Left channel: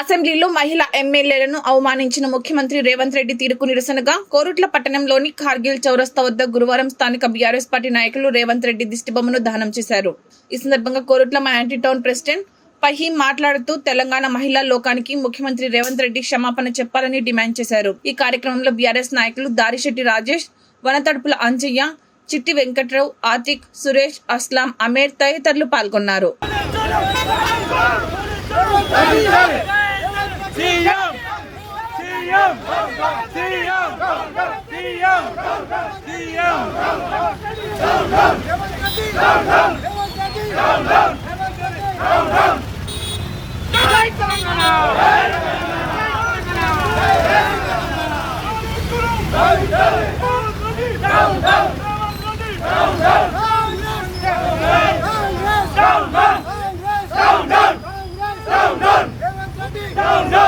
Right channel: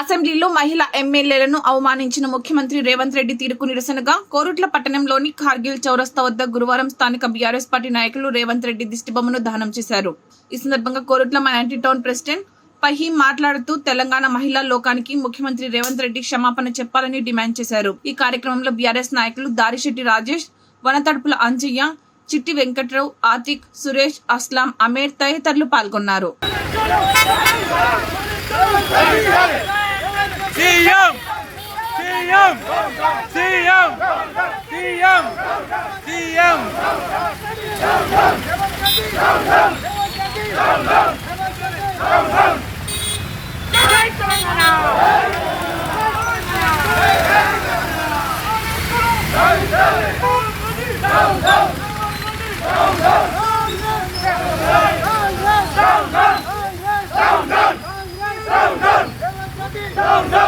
అసెంబ్లీలో మహిళా ఎమ్మెల్యేలను అవమానించిన ముఖ్యమంత్రి రేవంత్ రెడ్డి తీరుకు నిరసనగా కోరుట్ల పట్టణంలోని కార్గిల్ చౌరస్తా వద్ద గురువారం స్థానిక బీఆర్ఎస్ పార్టీ నాయకులు రేవంత్ రెడ్డి దిష్టిబొమ్మను దహనం చేశారు. ఈ సందర్భంగా Korutla minority town president Fahim మాట్లాడుతూ తెలంగాణ మహిళా లోకానికి ముఖ్యమంత్రి రేవంత్ రెడ్డి క్షమాపణ చెప్పాలని డిమాండ్ చేశారు. ఈ కార్యక్రమంలో బీఆర్ఎస్ నాయకులు దారిశెట్టి రాజేష్ వనతడుపుల అంజయ్య చిట్టి వెంకట్రావు ఆతిక్ సురేష్ అస్లాం అమేర్ తదితరులు పాల్గొన్నారు. CM CM CM Down, down!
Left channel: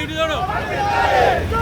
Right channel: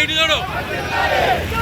いるだろ。う